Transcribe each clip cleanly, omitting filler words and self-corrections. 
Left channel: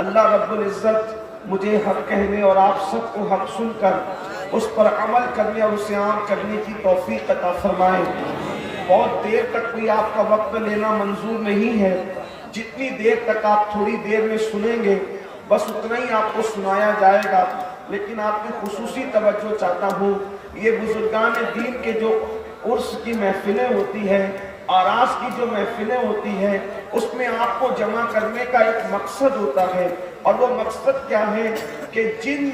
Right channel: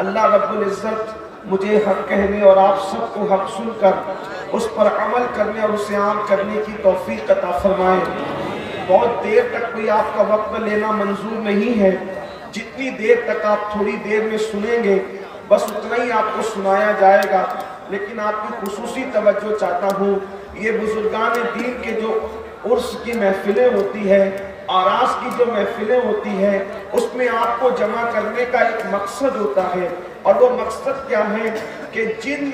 اللہ رب العزت مجھے حق کہنے اور آپ سب کو حق سن کر اس پر عمل کرنے اور اسے عام کرنے کی توفیق عطا فرمائے۔ بہت دیر تک کوئی آپ کا وقت لینا منظور نہیں ہے، جتنی دیر تک آپ تھوڑی دیر میں سنیں گے بس اتنا ہی آپ کو سنایا جائے گا، لیکن آپ کی خصوصی توجہ چاہتا ہوں۔ یہ بزرگان دین کے جو عرس کی محفلیں ہوتی ہیں، آراس کی جو محفلیں ہوتی ہیں، اس میں آپ کو جمع کرنے کا ایک مقصد ہوتا ہے، اور وہ مقصد کیا ہے کہ جن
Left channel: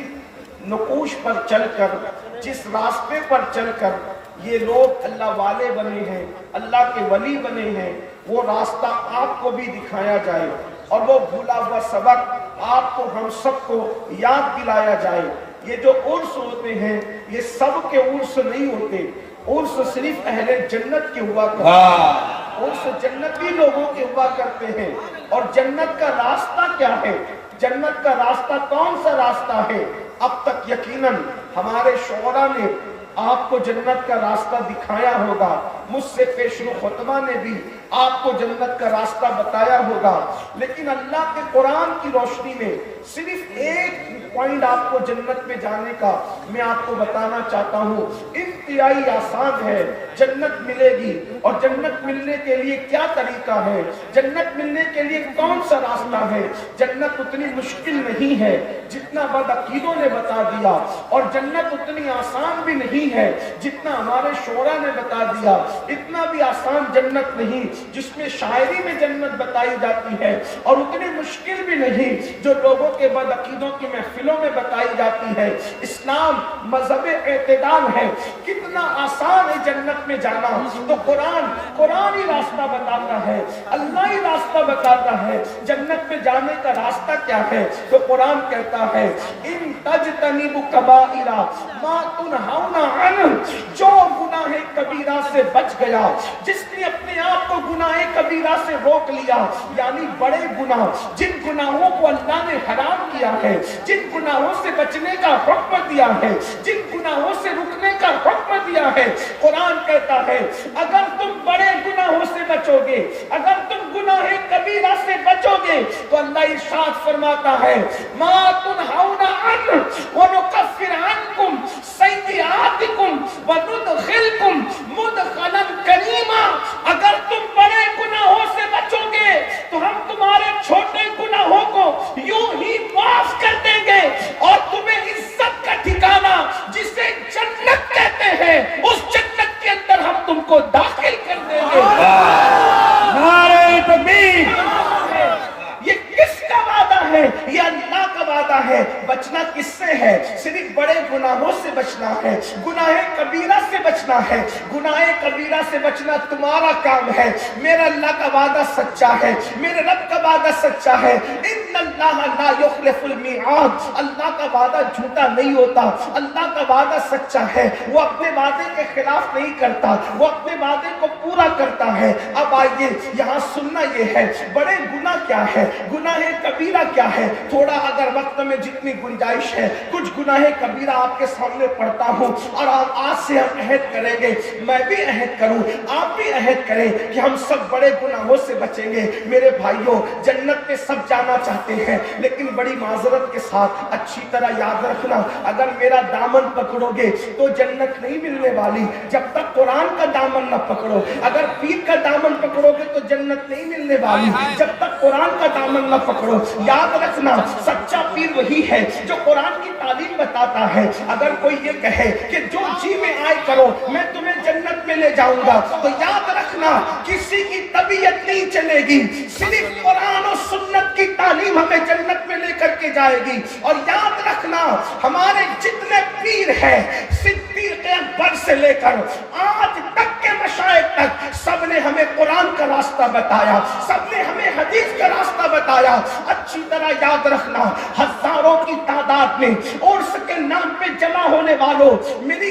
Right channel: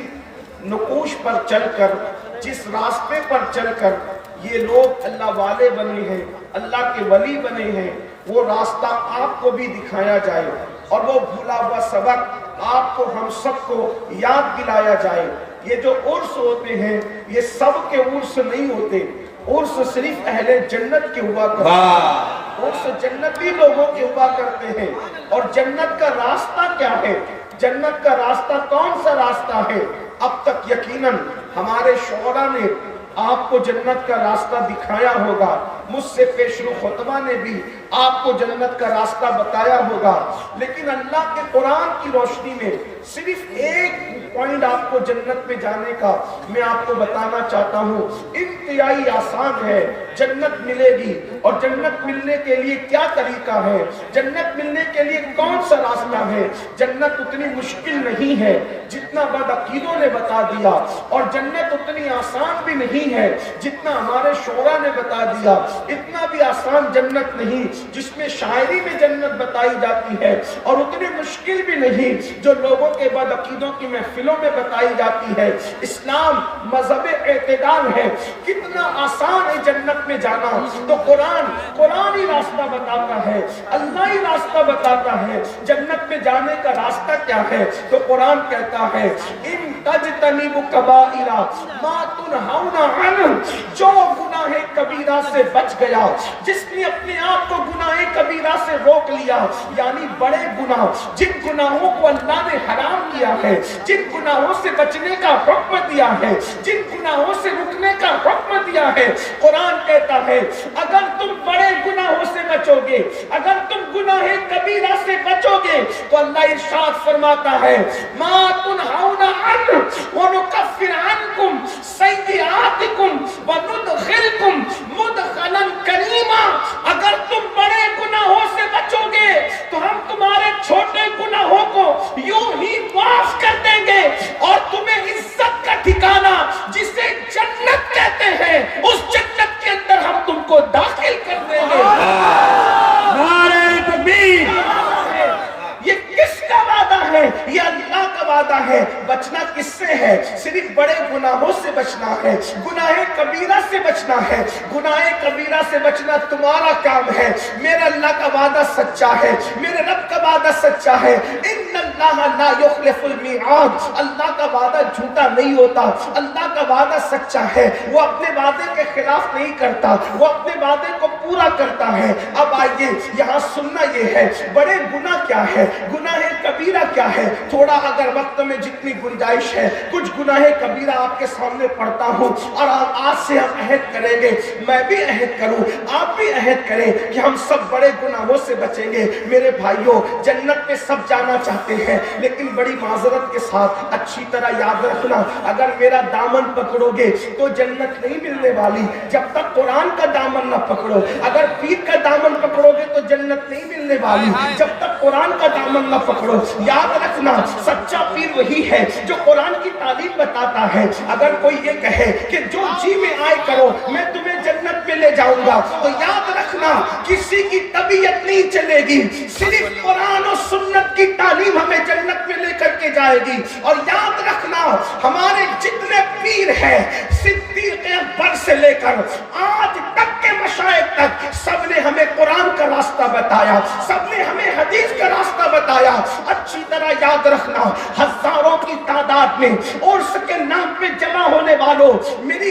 نقوش پر چل کر، جس راستے پر چل کر یہ لوگ اللہ والے بنے ہیں، اللہ کے ولی بنے ہیں، وہ راستہ آپ کو بھی دکھایا جائے اور وہ بھولا ہوا سبق آپ کو، ہم سب کو یاد دلایا جائے۔ یہ جو عرس ہوتے ہیں یہ سب کے عرس نہیں ہوتے، عرس صرف اہل جنت کے ہوا کرتے ہیں، عرس جنتی لوگوں کے ہوا کرتے ہیں۔ اور جنت کا راستہ کیا ہے؟ جنت کا راستہ کون سا راستہ ہے؟ اب تک یقیناً ہمارے شعراء نے آپ کو جنت کا راستہ دکھایا ہوگا، مجھ سے پیشرو خطبہ نے بھی آپ کو جنت کا راستہ بتایا ہوگا، لیکن اللہ کے قرآن کی روشنی میں صرف ایک پوائنٹ آپ کو جنت میں جانے کا میں آپ کو بتانا چاہتا ہوں۔ انتہائی آسان ہے، جنت ملے گی، اور جنت ملنے کے لیے کیا طریقہ ہے، جنت ملنے کے لیے کون سا راستہ ہے۔ جنت اتنی مشکل نہیں ہے جتنا بدعقیدوں نے بتا دیا، اور جنت اتنی آسان بھی نہیں ہے جتنا ہمارے شعراء نے بتا دیا۔ اتنا بھی آسان جنت نہیں جس میں شاعری میں جنت بتائی جاتی ہے، اور اتنی مشکل بھی نہیں جو لوگوں کے بدعقیدوں کی محفلوں میں بتائی جاتی ہے۔ اسلام مذہب اعتدال ہے، کتنا آسان ہے جنت میں جانا، تو قرآن ہی راستہ بتاتا ہے، اللہ ہی راستہ بتاتا ہے۔ جنت میں جانے کا راستہ کیا ہے؟ تو قرآن کہتا ہے ان تجتنبوا کبائر ما تنہون عنہ، جو گناہ کبیرہ سے بچ گیا، جس نے اپنے آپ کو گناہ کبیرہ سے روک لیا، یعنی بڑے گناہ، جن گناہوں کو اللہ نے حرام کیا ہے، جن گناہوں سے بچنے کا حکم دیا ہے، جن گناہوں سے رکنے کا حکم دیا ہے، قرآن کہتا ہے اگر تم بڑے گناہوں سے بچو گے، اگر تم گناہ کبیرہ سے بچو گے، تو اللہ ارشاد فرماتا ہے ما تنہون عنہ ونکفر عنکم سیئاتکم وندخلکم مدخلا کریما۔ اگر تم بڑے گناہوں سے بچو گے تو ہم تمہارے چھوٹے گناہوں کو یوں ہی معاف کر دیں گے، اور تمہیں عزت کا ٹھکانہ جسے جنت کہتے ہیں اس جنت کے اندر ہم تم کو داخل کر دیں گے۔ نعرہ تکبیر! یہ کس کا وعدہ ہے؟ یہ اللہ کا وعدہ ہے۔ بچنا کس سے ہے؟ صرف بڑے گناہوں سے بچنا ہے، گناہ کبیرہ سے بچنا ہے۔ گناہ کبیرہ سے بچنا تمہارا کام ہے۔ میرے اللہ کا وعدہ سچا ہے، میرے رب کا وعدہ سچا ہے۔ ان اللہ لا یخلف المیعاد، اللہ کا وعدہ جھوٹا نہیں ہوتا، اللہ کا وعدہ سچا ہے، وہ اپنے وعدے کے خلاف نہیں کرتا، وہ اپنے وعدے کو پورا کرتا ہے۔ اب آئیے یہاں سننا یہ ہے بڑے گناہ کیا ہے، گناہ کبیرہ کیا ہے۔ تھوڑا اگر وقت میں جتنی گنجائش ہے کچھ گناہ کبیرہ آپ کے سامنے پڑھتا ہوں، اور آج سے ہم عہد کریں گے، میں بھی عہد کروں، آپ بھی عہد کریں کہ ہم سب بڑے گناہوں سے بچیں گے۔ میرے بھائیوں، جنت میں سب جانا چاہتے ہیں، لیکن بڑی معذرت کے ساتھ اچھی طرح یاد رکھنا، اگر میرا دامن پکڑو گے تو جنت نہیں ملنے والی جب تک قرآن کا دامن نہ پکڑو۔ اگر پیر کا دامن پکڑو گے تو جنت نہیں ملنے والی جب تک قرآن کا دامن نہ پکڑو۔ یاد رکھنا، سچا پیر وہی ہے جو قرآن کی تعلیم بتاتا ہے۔ اگر کوئی یہ کہے کہ جو جی میں آئے کرو میں تمہیں جنت میں لے جاؤں گا، تو یاد رکھنا کسی کی طبیعت نہیں چلے گی، صرف قرآن و سنت کی تعلیم ہمیں جنت میں لے کر کے جائے گی۔ اور یاد رکھنا ہمارے جتنے پیر ہیں، صدیق اکبر سے لے کر آج تک کے مشائخ تک، سب نے ہمیں قرآن کا راستہ بتایا، سب نے ہمیں حدیث کا راستہ بتایا۔ اچھی طرح یاد رکھنا، ہزاروں کی تعداد میں عرس کے نام پہ جمع ہونے والوں، میری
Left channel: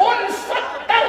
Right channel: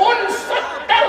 69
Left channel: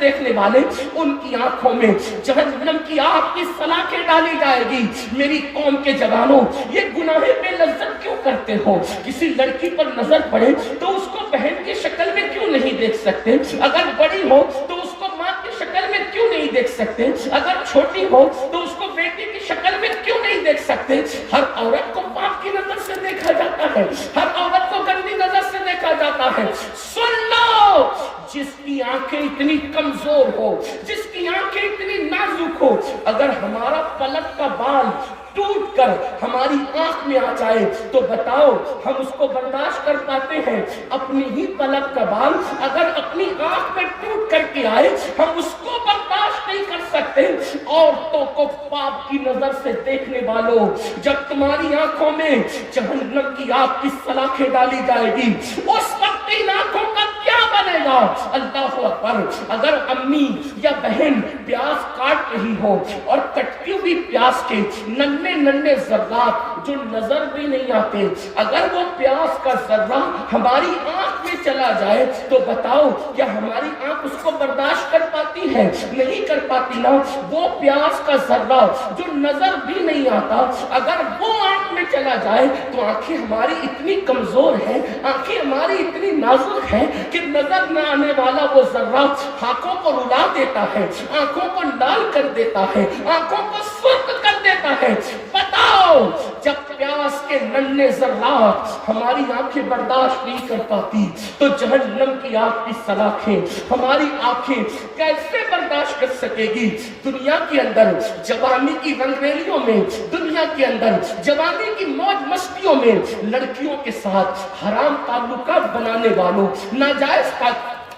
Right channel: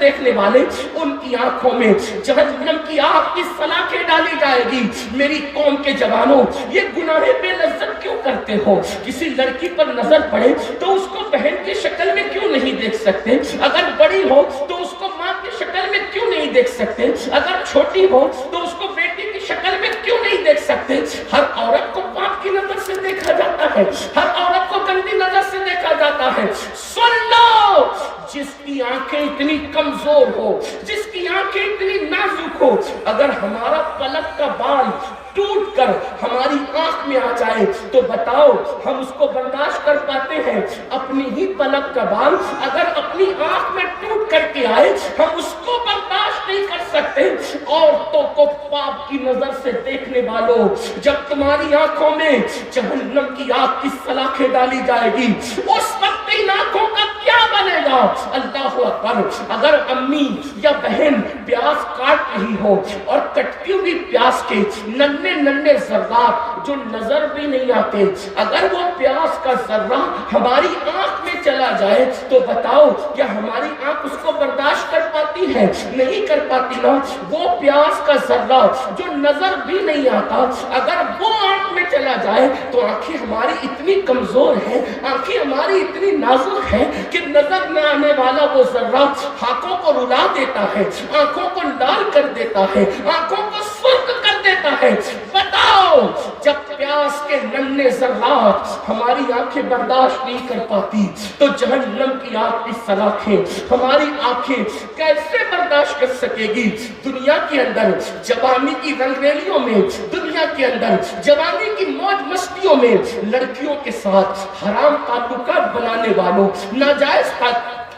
دیکھنے والے ان کی آنکھوں میں جہنم کی آگ کی سلاخیں ڈالی جائے گی۔ میری قوم کے جوانوں، یہ گناہ بے لذت کیوں کرتے ہو؟ کسی لڑکی پر نظر پڑے تو اس کو بہن کی شکل میں کیوں نہیں دیکھ سکتے؟ اگر بڑی ہو تو اس کو ماں کی شکل میں کیوں نہیں دیکھ سکتے؟ اگر چھوٹی ہو تو اس کو بیٹی کی شکل میں کیوں نہیں دیکھ سکتے؟ ہر عورت کو پاک کی نظر سے دیکھا جاتا ہے، ہر عورت کو گندی نظر سے دیکھا جاتا ہے۔ سن لو، جس کی آنکھیں اتنی کمزور ہو، جس کی آنکھیں اتنی نازک ہو، اگر ہمارا پلک کا بال ٹوٹ کر ہماری آنکھ میں آ جائے تو بتاؤ ہم اس کو برداشت کر پاتے ہیں؟ اپنی ہی پلک کا بال اگر اپنی آنکھ میں ٹوٹ کر کے آئے ہم اس کو برداشت نہیں کر سکتے۔ عورتوں کو پاک کی نظر سے دیکھنے والوں، جب تمہاری آنکھوں میں جہنم کی آگ کی سلاخیں ڈالی جائے گی اس وقت ان آنکھوں کا کیا بنے گا؟ اللہ اکبر۔ اگر امی یا بہن پیاز کاٹ رہی ہو اور کٹتی ہوئی پیاز کے ننھے ننھے ذرات جو نظر بھی نہیں آتے، اگر وہ پیاز کا ذرہ ہماری آنکھ میں چلا جائے تو بتاؤ کیا ہماری آنکھ اس کو برداشت کر پاتی ہے؟ نہیں کر پاتی نا۔ وہ پیاز کا ذرہ جو نظر بھی نہیں آتا اگر وہ آنکھ میں چلا جائے تو آنکھیں ہماری اتنی کمزور ہیں، آنکھیں ہماری اتنی نازک ہیں کہ نظر نہ آنے والا وہ ذرہ آنکھوں کو رلا دیتا ہے، آنکھوں کو لال کر دیتا ہے، آنکھوں کو سرخ کر دیتا ہے۔ بتاؤ جب پیاس کے ننھے ذرات ہماری آنکھیں برداشت نہیں کر پاتی تو جہنم کی آگ کی سلاخیں ہماری آنکھیں کیسے برداشت کر سکے گی؟ دنیا کے اندر جوانی کی رنگ ریلیوں میں، دنیا کے اندر جوانی کی موج مستیوں میں لڑکیوں کے ساتھ حرام تعلقات بنانے والوں، ناجائز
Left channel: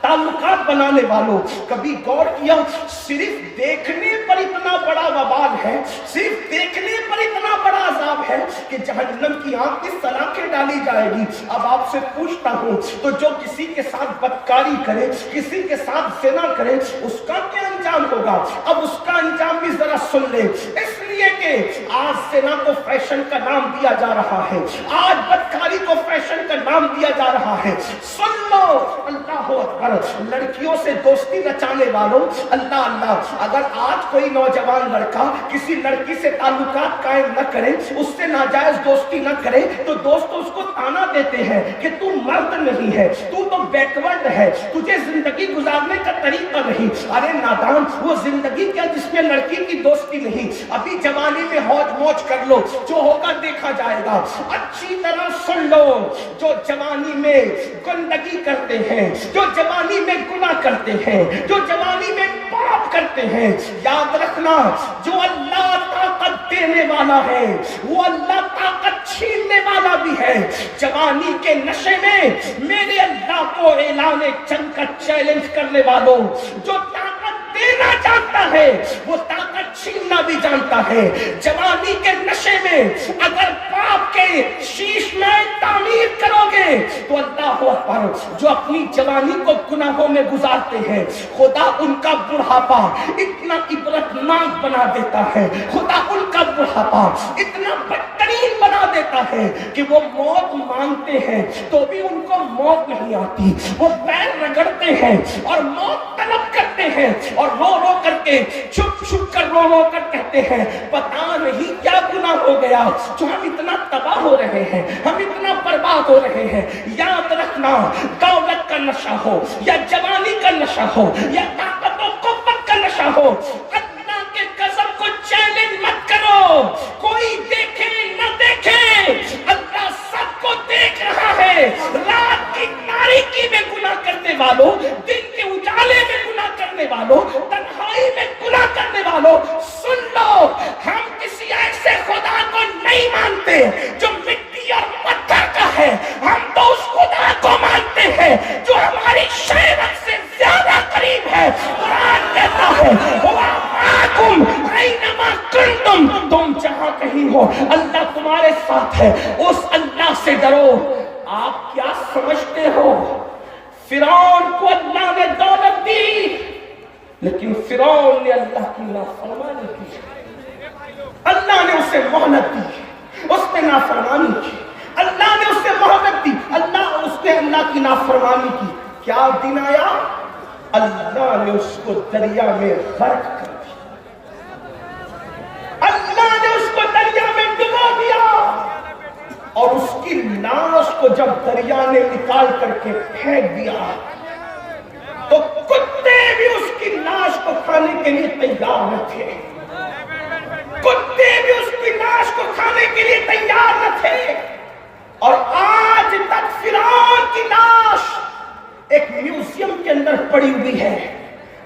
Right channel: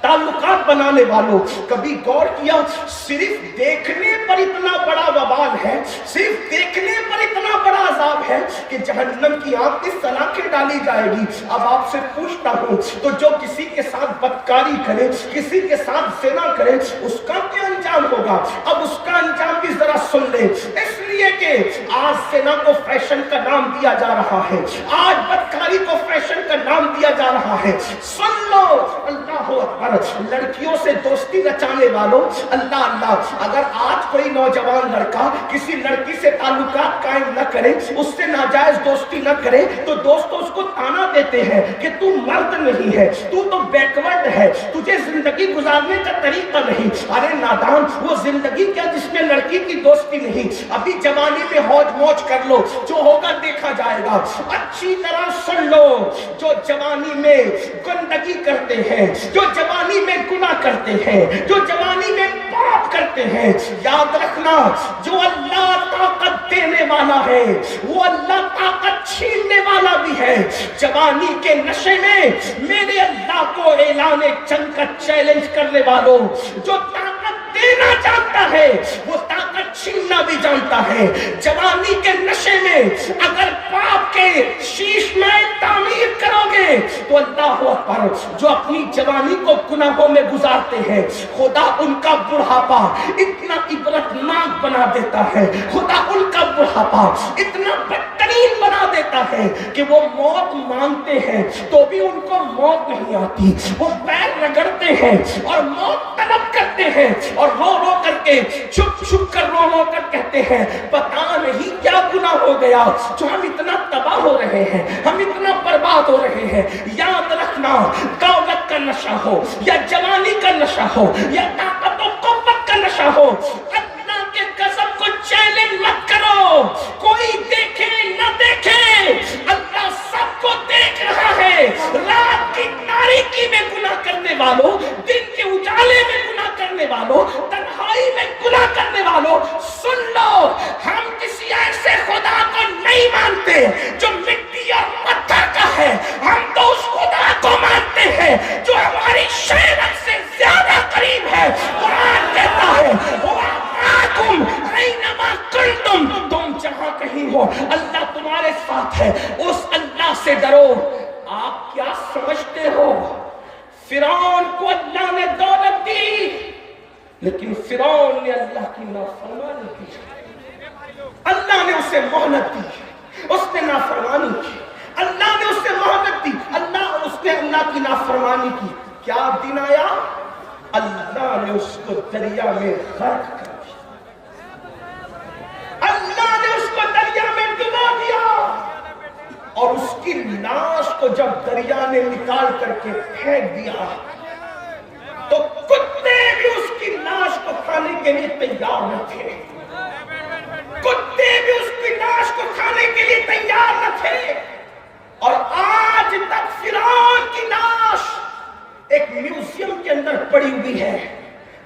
تعلقات بنانے والوں، کبھی غور کیا صرف دیکھنے پر اتنا بڑا وبال ہے، صرف دیکھنے پر اتنا بڑا عذاب ہے کہ جہنم کی آگ کی سلاخیں ڈالی جائے گی۔ اب آپ سے پوچھتا ہوں تو جو کسی کے ساتھ بدکاری کرے، کسی کے ساتھ زنا کرے، اس کا کیا انجام ہوگا؟ اب اس کا انجام بھی ذرا سن لے، اس لیے کہ آج زنا کو فیشن کا نام دیا جا رہا ہے، آج بدکاری کو فیشن کا نام دیا جا رہا ہے۔ سن لو، اللہ اکبر، لڑکیوں سے دوستی رچانے والوں، اللہ اللہ، اگر آج کوئی نوجوان لڑکا کسی لڑکی سے تعلقات قائم نہ کرے، اس سے ناجائز دوستی نہ کرے تو دوست اس کو تانا دیتے ہیں کہ تو مرد نہیں ہے، تو بیکورڈ ہے، تجھے زندگی گزارنے کا طریقہ نہیں۔ ارے نادان، وہ زندگی کیا جس میں لڑکی کی دوستی نہیں؟ ابھی جوانی میں ہوج موج کر لو، جو ہوگا دیکھا جائے گا۔ اچھی طرح سن لو، جو جوانی میں گندگی کرتے ہیں، جو جوانی میں گناہ کرتے ہیں، جو جوانی میں پاپ کرتے ہیں، یاد رکھنا جو اللہ طاقت دینے والا ہے وہ اللہ طاقت چھیننے والا بھی ہے۔ جوانی کے نشے میں میرے اللہ کو اعلان جنگ کا چیلنج کرنے والوں، جو طاقت دینا جانتا ہے وہ طاقت چھیننا بھی جانتا ہے۔ جوانی کے نشے میں اگر پاپ کے شیش میں تعمیر کرو گے تو اللہ اکبر، جو اپنی جوانی کو گناہوں میں گزارتے ہیں خدا ان کا بڑھاپا اتنا عبرتناک بنا دیتا ہے، خدا ان کا بڑھاپا اتنا بدترین بنا دیتا ہے کہ وہ موت مانگتے ہیں تو بھی ان کو موت نہیں آتی، وہ پیر رگڑتے ہیں اور موت طلب کرتے ہیں اور رو رو کر کے چھپ چھپ کر رو رو کر کہتے ہیں پتا نہیں کیا گناہ ہو گیا جو ہم اتنا تباہ ہو رہے ہیں، ہم اتنا برباد ہو رہے ہیں۔ یاد رکھنا، دولت کا نشہ ہو یا جوانی کا نشہ ہو یا طاقت و قوت کا نشہ ہو، اللہ کے غضب کو چیلنج مت کرو۔ کوئی دیکھے نہ دیکھے، اللہ سب کو دیکھ رہا ہے۔ رات کی تاریکی میں گناہ کرنے والوں، دن کے اجالے میں گناہ کرنے والوں، تنہائی میں گناہ کرنے والوں، سن لو، ہم کسی ایسے خدا کو نہیں مانتے جو مٹی اور پتھر کا ہے، ہم تو اس خدا کو مانتے ہیں جو ہماری شہرت سے زیادہ قریب ہے۔ قرآن کہتا ہے وَمَعَكُمْ أَيْنَمَا كُنتُمْ، تم جہاں کہیں ہو اللہ تمہارے ساتھ ہے، اس اللہ سے ڈرو۔ آپ کیا سمجھتے ہو؟ فرعون کو اللہ نے دولت دی لیکن فرعون نے اللہ کی نافرمانی کی، اللہ نے اسے مہلت دی، اس نے نافرمانی کی، اللہ نے اسے مہلت دی، اس نے اللہ کی نافرمانی کی۔ کیا دن آیا؟ اللہ نے اس کو دریا میں غرق کر دیا، اللہ نے اس کو دریا میں ڈبو دیا، اور اس کی لاش کو جب دریا نے نکال کر کے پھینک دیا تو کتے بھی اس کی لاش کو کھانے کے لیے تیار نہ تھے، کتے بھی اس کی لاش کو کھانے کے لیے تیار نہ تھے۔ اور آج تک فرعون کی لاش ایک میوزیم کے اندر پڑی ہوئی ہے،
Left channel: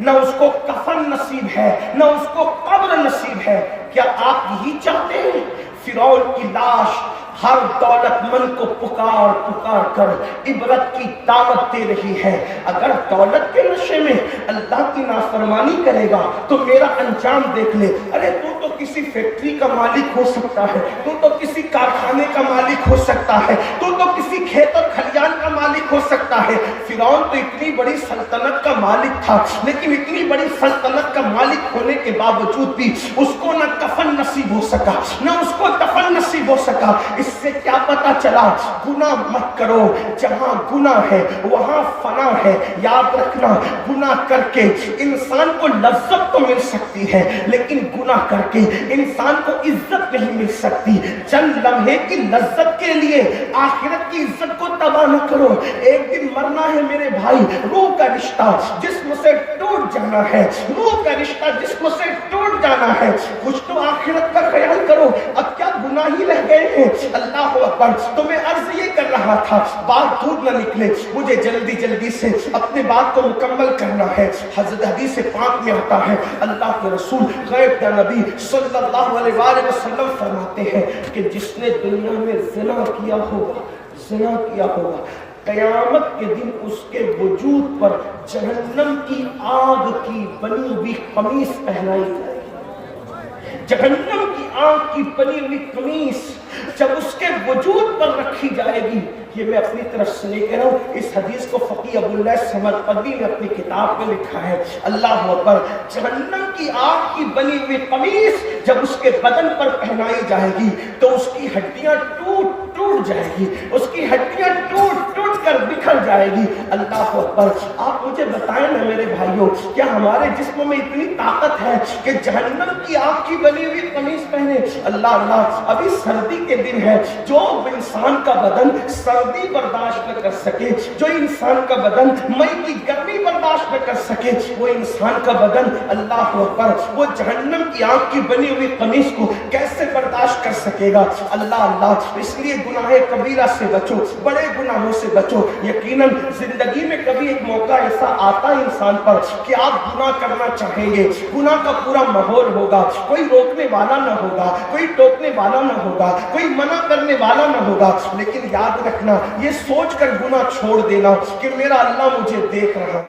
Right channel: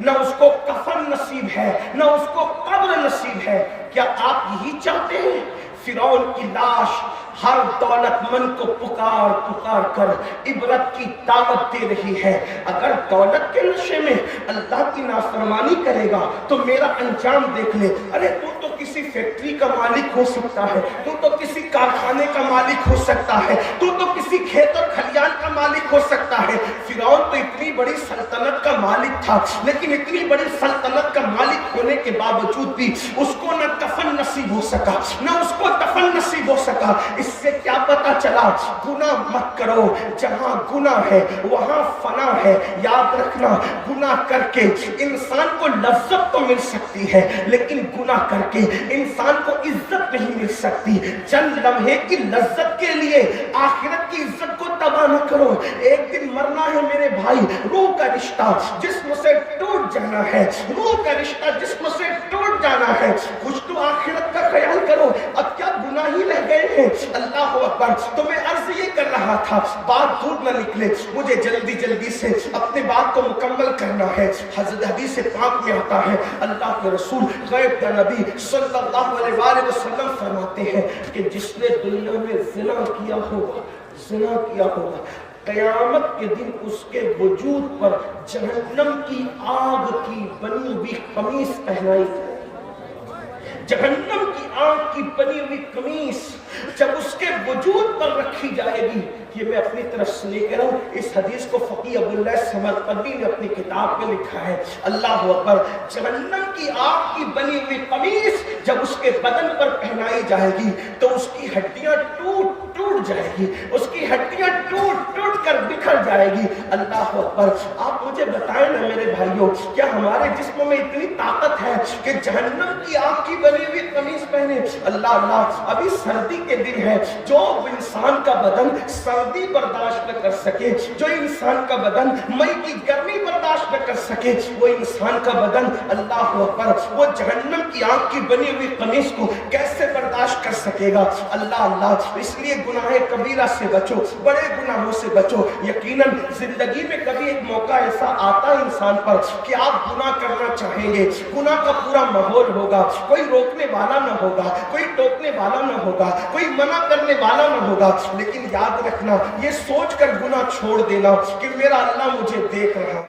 نہ اس کو کفن نصیب ہے، نہ اس کو قبر نصیب ہے۔ کیا آپ یہی چاہتے ہیں؟ فرعون کی لاش ہر دولت مند کو پکار پکار کر عبرت کی دعوت دے رہی ہے۔ اگر دولت کے نشے میں اللہ کی نافرمانی کرے گا تو میرا انجام دیکھ لے۔ ارے تو کسی فیکٹری کا مالک ہو سکتا ہے، تو کسی کارخانے کا مالک ہو سکتا ہے، تو کسی کھیت اور کھلیان کا مالک ہو سکتا ہے۔ فرعون تو اتنی بڑی سلطنت کا مالک تھا، لیکن اتنی بڑی سلطنت کا مالک ہونے کے باوجود بھی اس کو نہ کفن نصیب ہو سکا، نہ اس کو دفن نصیب ہو سکا۔ اس سے کیا پتا چلا؟ گناہ مت کرو، جہاں گناہ ہے وہاں فنا ہے۔ یاد رکھنا، گناہ کر کے انسان کو لذت تو مل سکتی ہے، لیکن گناہ کر کے انسان کو عزت نہیں مل سکتی۔ چند لمحے کی لذت کے لیے آخرت کی عزت کو تباہ نہ کرو۔ ایک دن مرنا ہے میرے بھائی، روح کا رشتہ جسم سے ٹوٹ جانا ہے، روح کا رشتہ جسم سے ٹوٹ جانا ہے۔ کچھ تو آخرت کا خیال کرو، اب کیا گناہ ہی رہ گئے ہیں۔ اللہ اکبر، تو میں عرض یہ کر رہا تھا، بات دور نہ نکلے، مجھے جلدی جلدی سے اپنے بات کو مکمل کرنا ہے۔ حضرت حدیث پاک میں آتا ہے، اللہ کے رسول غیب کا نبی صلی اللہ علیہ وآلہ وسلم فرماتے ہیں کہ جس نے دنیا میں زنا کیا ہوگا، زنا کیا ہوگا، قیامت کے دن اس کے وجود پر جہنم کی آگ کی بنی ہوئی قمیص پہنائی جائے۔ جہنم کی آگ کی بنی ہوئی قمیص جب اس کے وجود پر رکھی جائے گی، یہ میں اپنی طرف سے نہیں کہہ رہا ہوں، اس حدیث کو فقیہ ابواللہ سمرقندی نے اپنی کتاب میں لکھا ہے۔ اللہ اکبر، جہنم کی آگ کی بنی ہوئی قمیص جب اس کے بدن پر پہنائی جائے گی تو اس کی ہڈیاں ٹوٹ جائے گی، اس کی ہڈیاں ٹوٹ کر بکھر جائے گی۔ اللہ اکبر، آپ مجھے بتائیں نا میرے بھائیوں، کیا ہمارے جسم میں اتنی طاقت ہے کہ جہنم کی آگ کی بنی ہوئی قمیص پہنے؟ اللہ اللہ، ابھی سردی کے دن ہے، جو انسان کا بدن سردی برداشت نہ کر سکے، جو انسان کا بدن مئی کی گرمی برداشت نہ کر سکے، وہ انسان کا بدن اللہ اکبر وہ جہنم کی آگ کی بنی ہوئی قمیص کو کیسے برداشت کر سکے گا؟ اللہ اللہ، اس لیے گناہ کبیرہ سے بچو، بڑے گناہوں سے بچو۔ یقیناً زندگی میں کبھی ایک موقع ایسا آتا ہے انسان پر کہ آپ گناہ کرنا چاہیں گے، گناہ کا پورا ماحول ہوگا، کوئی روکنے والا نہ ہوگا، کوئی ٹوکنے والا نہ ہوگا، کوئی منع کرنے والا نہ ہوگا، لیکن یاد رکھنا، یہ سوچ کر گناہ چھوڑ دینا کہ میرا اللہ مجھے دیکھ رہا